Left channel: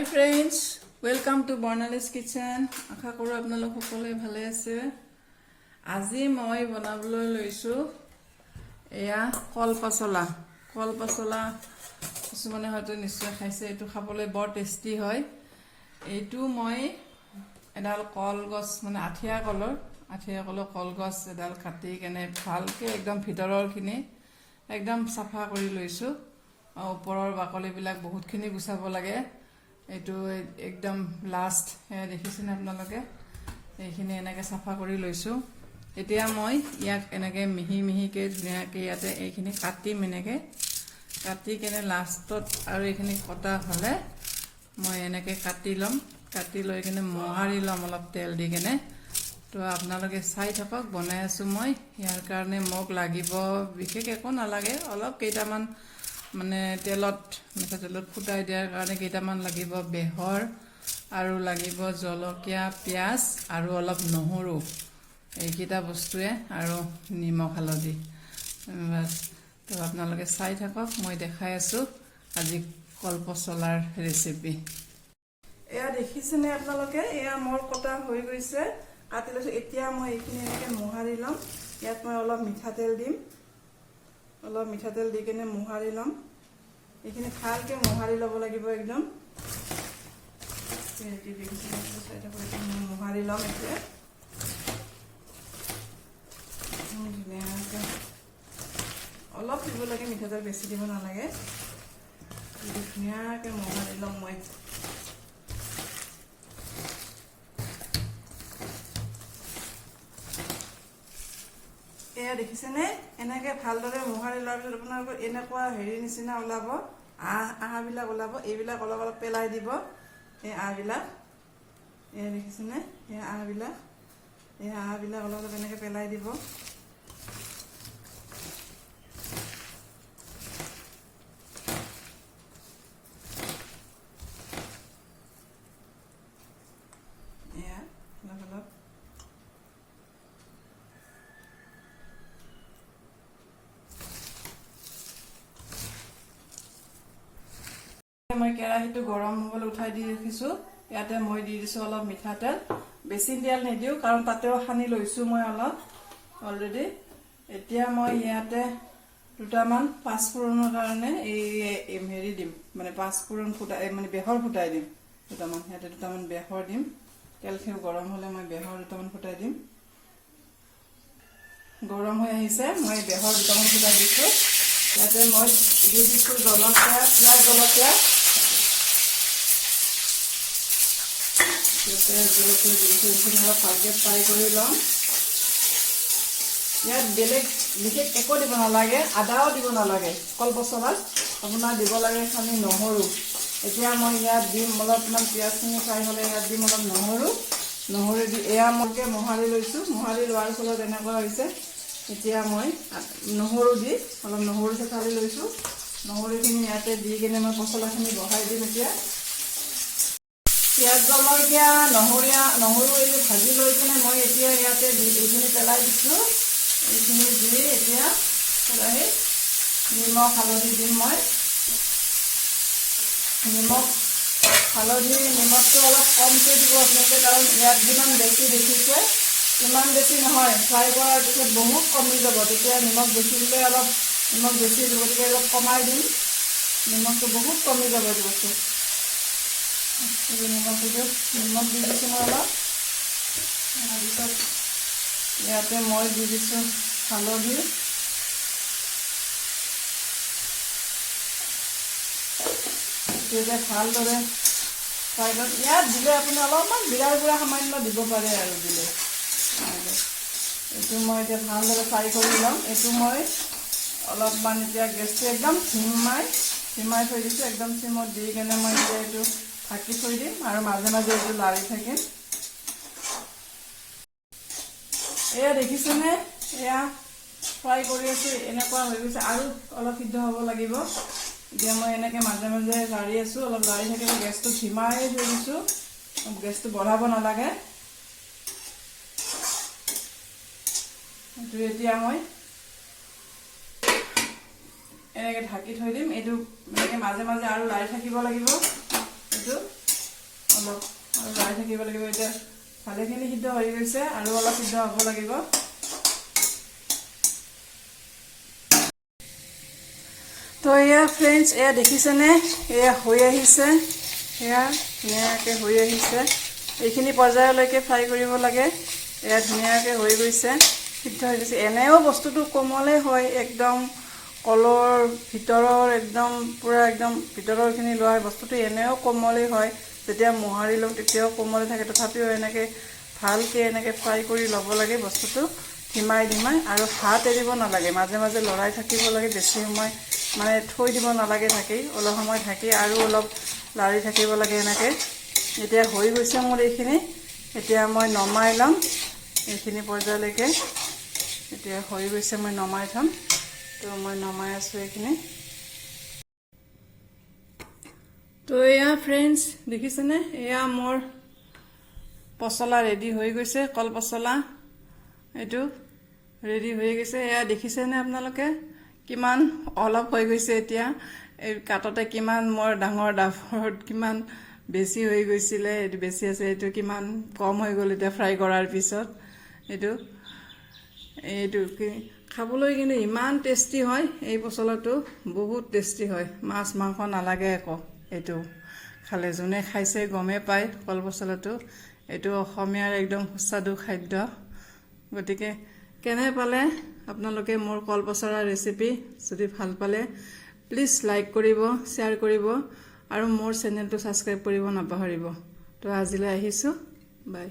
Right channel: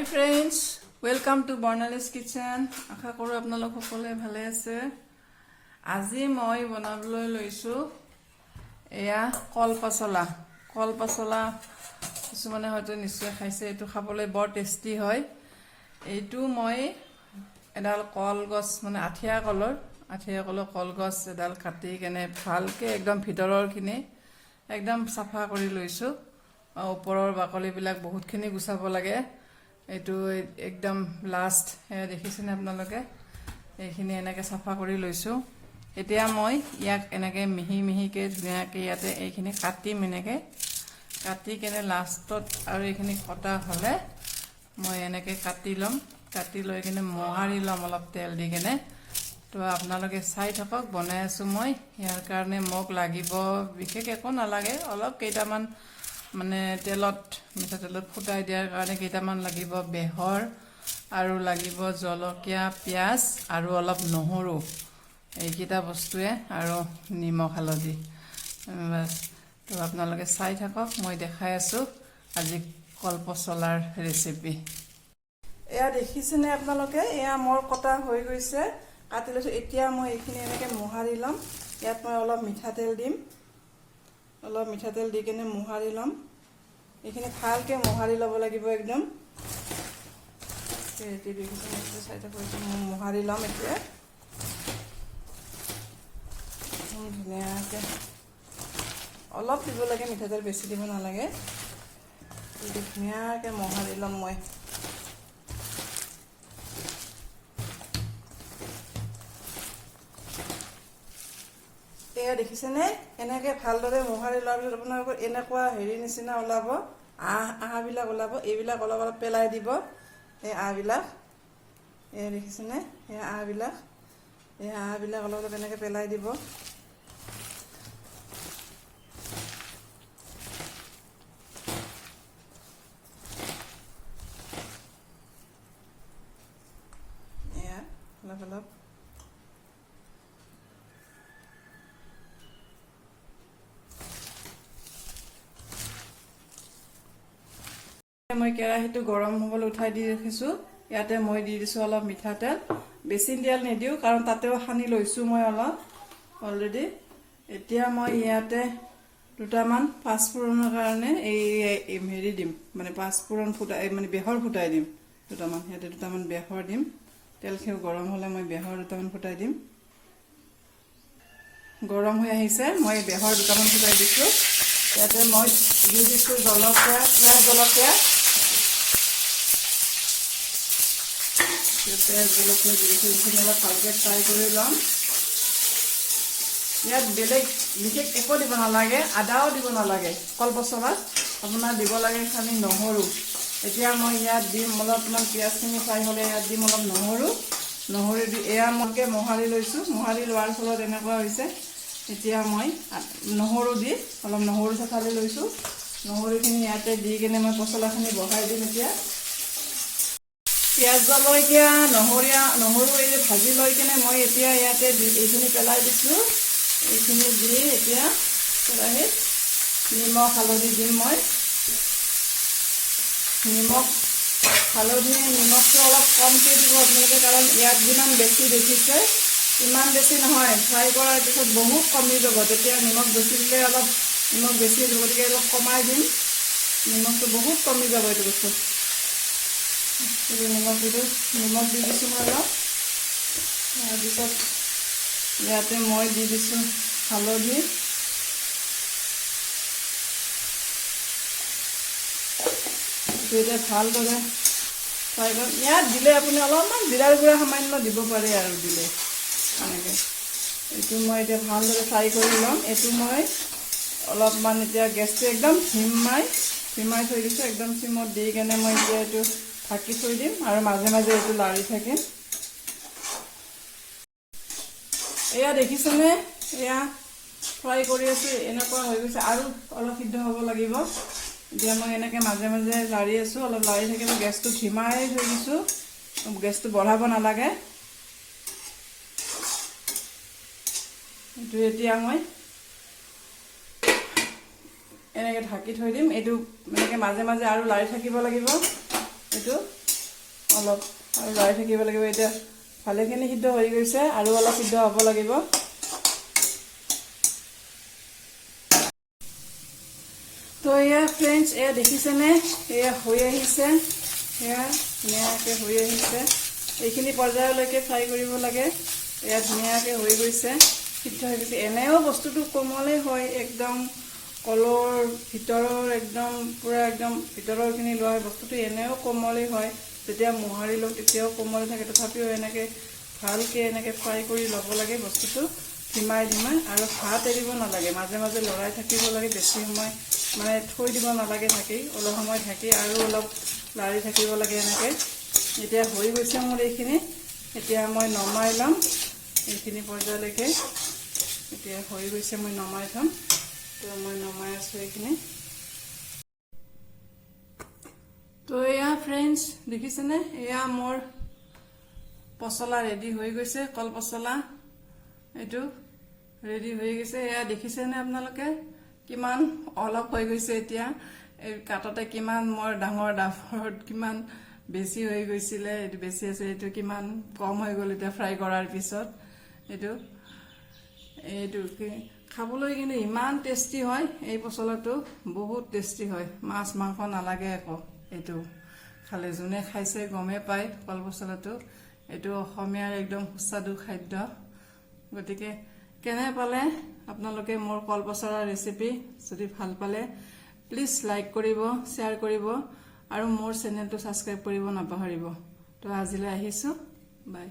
Hi friends, welcome to Barnali's Kitchen. আশা কৰোঁ আপোনালোক সকলোৱে ভালে আছে। আজি মই বনাবলৈ লৈছো এয়া কলপচলা। কলপচলা কিছুমানে হয়তো নিশ্চয় খাইছে, এইটো খাবলৈ বৰ টেষ্টি হয়। এইটো মই এডাল কলগছ মানে আঠিয়া কলৰ কলগছ এডাল কাটি কেনে ভালকৈ একদম ভিতৰৰখিনি একদম চাফা কৰি লৈছো। ওপৰৰ বাকলিবিলাক বহুতখিনি গুচাব লাগে। এইটো একদম লাষ্ট দেখিছেনে আপোনালোকে, এইখিনি এনেকৈ চাফা কৰি লৈছোঁ। এতিয়া মই ইয়াক এনেকৈ মিহি মিহিকৈ ধুনীয়াকৈ ইয়াতে এইখিনি কাটিম, এনেকৈ কাটি কেনে লাষ্টত আৰু এইখিনি কটা হ'লে মই এনেকৈ কাটি ল'ম। কাটি লৈ কিনে মোহাৰি ল'ম অলপ তেল দি কেনে। তো আপোনালোকে চাই থাকক, বনাই আছোঁ মই। ইয়াৰ কাৰণে মোক লাগিব বিশেষ একো নালাগে, অলপ কেইটামান মানে মিঠাতেলত ফুটাই দিয়াৰ কাৰণে কেইটামান লাগিব বেহৰ, আৰু লাগিব জলকীয়া, পিঁয়াজ আৰু অলপ নহৰু। এইকেইটা বস্তুৱে আৰু নিমখ হালধি বাছ। তো আপোনালোকে চাই থাকক, মই দেখাই আছোঁ আজি কলপচলাৰ ৰেচিপি। এয়া দেখিছেনে আপোনালোকে, এয়া মোৰ কটা হৈ গৈছে, কাটি লৈছোঁ। এতিয়া মই এইখিনি এনেকৈ মোহাৰি ল'ম। ইয়াত মই অলপ মিঠাতেল দিম, অলপ মিঠাতেল দি কেনে মোহাৰি ল'ম। এইখিনি ভালকৈ মোহাৰি ল'ব লাগিব একদম। মোহাৰি ল'ম এতিয়া ধুনীয়াকৈ। অলপ দিব লাগে মিঠাতেল, বেছি দিব নালাগে। ধুনীয়াকৈ মোহাৰি ল'ম মই। এয়া দেখিছেনে, এনেকৈ ভালদৰে মোহাৰি লোৱাৰ পিছত আপোনালোকৰ এনেকুৱা নিচিনা ওলাব, আহবিলাক ওলাব। এইবিলাক অলপ অলপ পেলাই দিব, এই আহবিলাক। এয়া দেখিছেনে, এই আহবিলাক অলপ অলপ এনেকৈ পেলাই দিব। এয়া অলপ অলপ মই কেৰাহীটো গৰম হ'বলৈ উঠাই দি ৰাখিছোঁ। ইয়াতে মই দি দিছোঁ অলপ মিঠাতেল। বেছি তেল নিদিওঁ, কাৰণ তাতেও সানি লৈছোঁ মই অলপ অলৰেডি। এতিয়া মই ইয়াতে দুটামান পাঁচফোৰণৰ কাৰণে এই দিম, মানে পাঁচফোৰণ মানে বেহৰ ফুটাই দিম দুটামান। ইয়াতে দুটামান বেহৰ দিম। তেলখিনি গৰম হ'লে মই বেহৰ দুটামান ফুটাই দিম। গৰম হৈ আহিছে, মই বেহৰ দুটামান ফুটাই দিছোঁ। ইয়াতে মই দি দিছোঁ জলকীয়া, পিঁয়াজ, জলকীয়া দি দিছোঁ। এইখিনি অলপ ভালকৈ ফ্ৰাই কৰি ল'ম। ইয়াত বেলেগ বিশেষ একো দিব নালাগে, আদাও দিব নালাগে। কলপচলাত আপোনাৰ দিব লাগে খালি নহৰু। এতিয়া মই ইয়াত দিম অলপমান, পিঁয়াজখিনি ফ্ৰাই হ'লে ইয়াত দিম অলপ নহৰু দি এয়া মইকে মোহাৰি লৈছোঁ। মোহাৰি লোৱাৰ ফলত এনেকুৱা হৈছে। এতিয়া মই নহৰু দি অলপ নহৰু চঠালি লৈছোঁ। নহৰুখিনি ইয়াতে দি কেনে মই পচলাখিনি বহাই দিম। এতিয়া পিঁয়াজ, জলকীয়া, নহৰু এই ভাজি লৈ কেনে মই এতিয়া ইয়াতে এইখিনি পেলাই দিছোঁ। এইখিনি দি এতিয়া কেৰাহীত নিমখ হালধি দিম মই। নিমখটো অলপ কমকৈ দিব আপোনালোকে, কাৰণ ইয়াত যিমান বেছি দেখিছে ইমান বেছি নহয়। ফ্ৰাই কৰাৰ পিছত বহুত কমি যাব, তেতিয়া নিমখ বেছি দিলে অলপ নিমখ বেছি দিব, গতিকে অলপ কমাই দিম। নিমখটো বহুত কমি যাব এইটো বস্তু। নিমখ দি দিছোঁ মই অলপ। তাৰপিছত ইয়াতে মই দি দিছোঁ হালধি। এতিয়া ভালদৰে ফ্ৰাই কৰি ইয়াত দিলে আপুনি অলপমান জিৰাৰ গুড়া সামান্য দিব পাৰে আৰু দিলে এনেকৈ। এইটো মই এতিয়া ভালদৰে ফ্ৰাই কৰি ল'ম। এইটো মই অলপমান এতিয়া গেছটো একদম ধিমাই থৈ দিছোঁ। একদম চিমত দি কেনে মই এতিয়া এইটো ঢাকি থৈ দিম, আৰু মাজে মাজে এইটো লাৰি থাকিম। এয়া দেখিছেনে, এয়া ফ্ৰাই কৰি আছোঁ, এনেকুৱা হৈ গৈছে। আৰু অলপ সিদ্ধ হ'ব লাগিব। এতিয়া মই এনেকৈ মাজে মাজে লাৰি আছোঁ, অলপ লাৰি থাকিলে। গেছটো ধিমাই থৈ দিছোঁ, গেছটো বঢ়াব নালাগে। এইটো এতিয়া মই এনেকৈ ঢাকি থৈ দিম। এইটো এনেকৈ মাজে মাজে আৰু লাৰি থাকিব লাগিব। এইটো অলপ আৰু লৰাই থাকিব লাগিব। এতিয়া ভালেখিনি সিদ্ধ হৈ গৈছে আৰু অলপ সিদ্ধ হ'ব লাগিব। তো এয়া ফ্ৰেণ্ডছ, এয়া দেখিছেনে, এয়া হৈ আহিছে, এয়া ধুনীয়াকৈ হৈ আহিছে। এইখিনি পৰ্যায়লৈকে ফ্ৰাই কৰিব লাগে। এয়া ধুনীয়াকৈ হৈ গৈছে, সিদ্ধ হৈ গৈছে। এনেও বস্তুটো কোমলেই হয়, একদম কলৰ ভিতৰৰ একদম পূৰা একদম ভিতৰৰখিনি লোৱা বস্তুটো এনেও কোমলেই হয়। যেতিয়া মোহাৰি লওঁ তেতিয়াও কোমলে থাকে। তথাপিও এনেকৈ ভালকৈ এনেকৈ ফ্ৰাই কৰি ল'ব লাগে বস্তুটো, ধিমাই আৰু হাত এৰিব নালাগে। মাজে মাজে লৰাই থাকিব লাগে, বেছি সময় মানে থৈ দিব নালাগে ঢাকি। অলপ সময় ঢাকি আৰু অলপ লাৰি থাকিব লাগে এনেকৈ। এতিয়া হৈ গৈছে মোৰ এইখিনি। এতিয়া মই নমাই ল'ম এইখিনি পৰ্যায়লৈকে। এতিয়া হৈ গৈছে, মই নমাই থ'ম। তো মই নমাই আছোঁ এইখিনি। তো এয়া ফ্ৰেণ্ডছ দেখিছেনে, এয়া মোৰ পচলা ৰেডি হৈ গৈছে। কল পচলা এইটো ৰেডি হৈ গৈছে। এয়া দেখিছেনে আপোনালোকে, কিমান অলপ হৈ গৈছে। এতিয়া এই কাটতে কিমান মোৰ ডাঙৰ ডাবৰত কিমান বেছি হৈ গৈছিলে, এইটো বেছি আছে, এইটো কিমান কম হৈ গ'ল এতিয়া ফ্ৰাই কৰাৰ পিছত। এইটো খাবলৈ কিন্তু ইমান টেষ্টি হয় এই পচলাটো, বহুত টেষ্টি হয়। মাছ মাংস নালাগে একো। এইটো খালে যোনে খাইছে গমেই পায় কল পচলাটো। এইটো অসমীয়াৰ একদম সুস্বাদু খাদ্য। গতিকে কেনে পালে আপোনালোকে মোৰ কল পচলাৰ ৰেচিপি? যদি ভাল পালে প্লিজ লাইক কৰিব, শ্বেয়াৰ কৰিব আৰু মোৰ চেনেলটো ছাবস্ক্ৰাইব কৰিব নাপাহৰিব। তো আজিলৈ আহিছোঁ, বাই।